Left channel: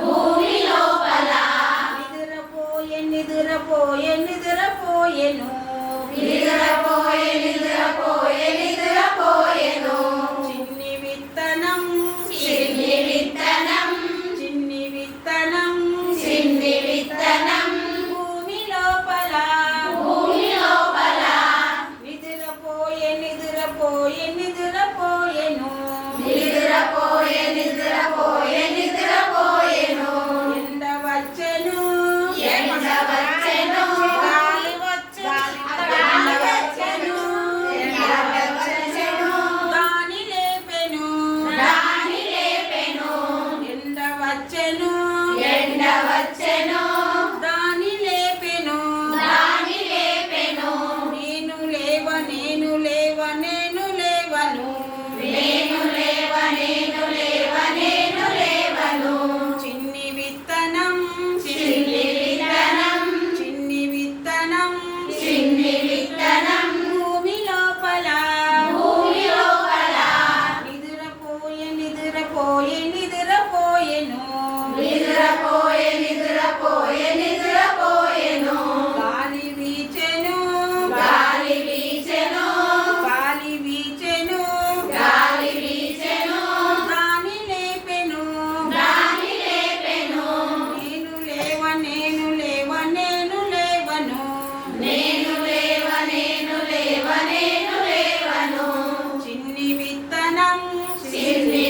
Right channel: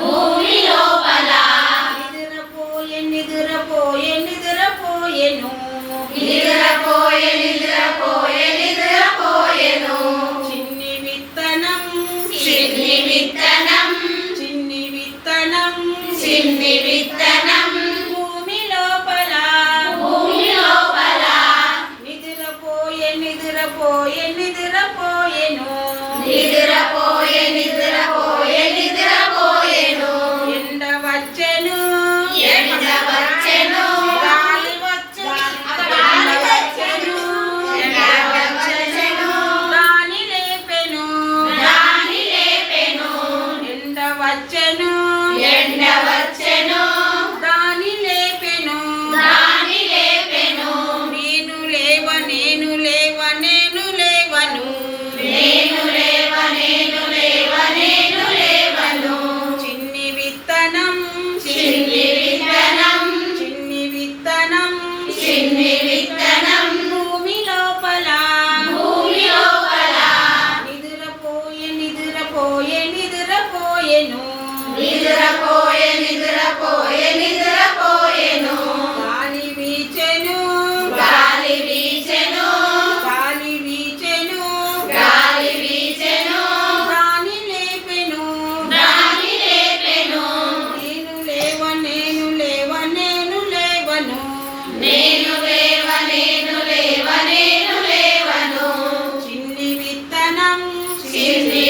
భూమి లోపల. నిదురపోయే నిదురపోయే నిదురపోయేను. నిదురపోయే నిదురపోయే నిదురపోయేను. చిన్ని విత్తనం. చిన్ని విత్తనం. చిన్ని విత్తనం. చిన్ని విత్తనం. భూమి లోపల. భూమి లోపల. నిదురపోయే నిదురపోయే నిదురపోయేను. నిదురపో వచ్చెను ఎండ వచ్చెను గాలి వచ్చెను ఎండ వచ్చెను ఎండ వచ్చెను దాని లేపెను? దాని లేపెను ఎండ వచ్చెను ఎండ వచ్చెను చిన్ని విత్తనం భూమి లోపల. భూమి లోపల. నిద్రపోయే నిద్రపోయే నిద్రపోయెను. నిద్రపోయే నిద్రపోయే చిన్ని విత్తనం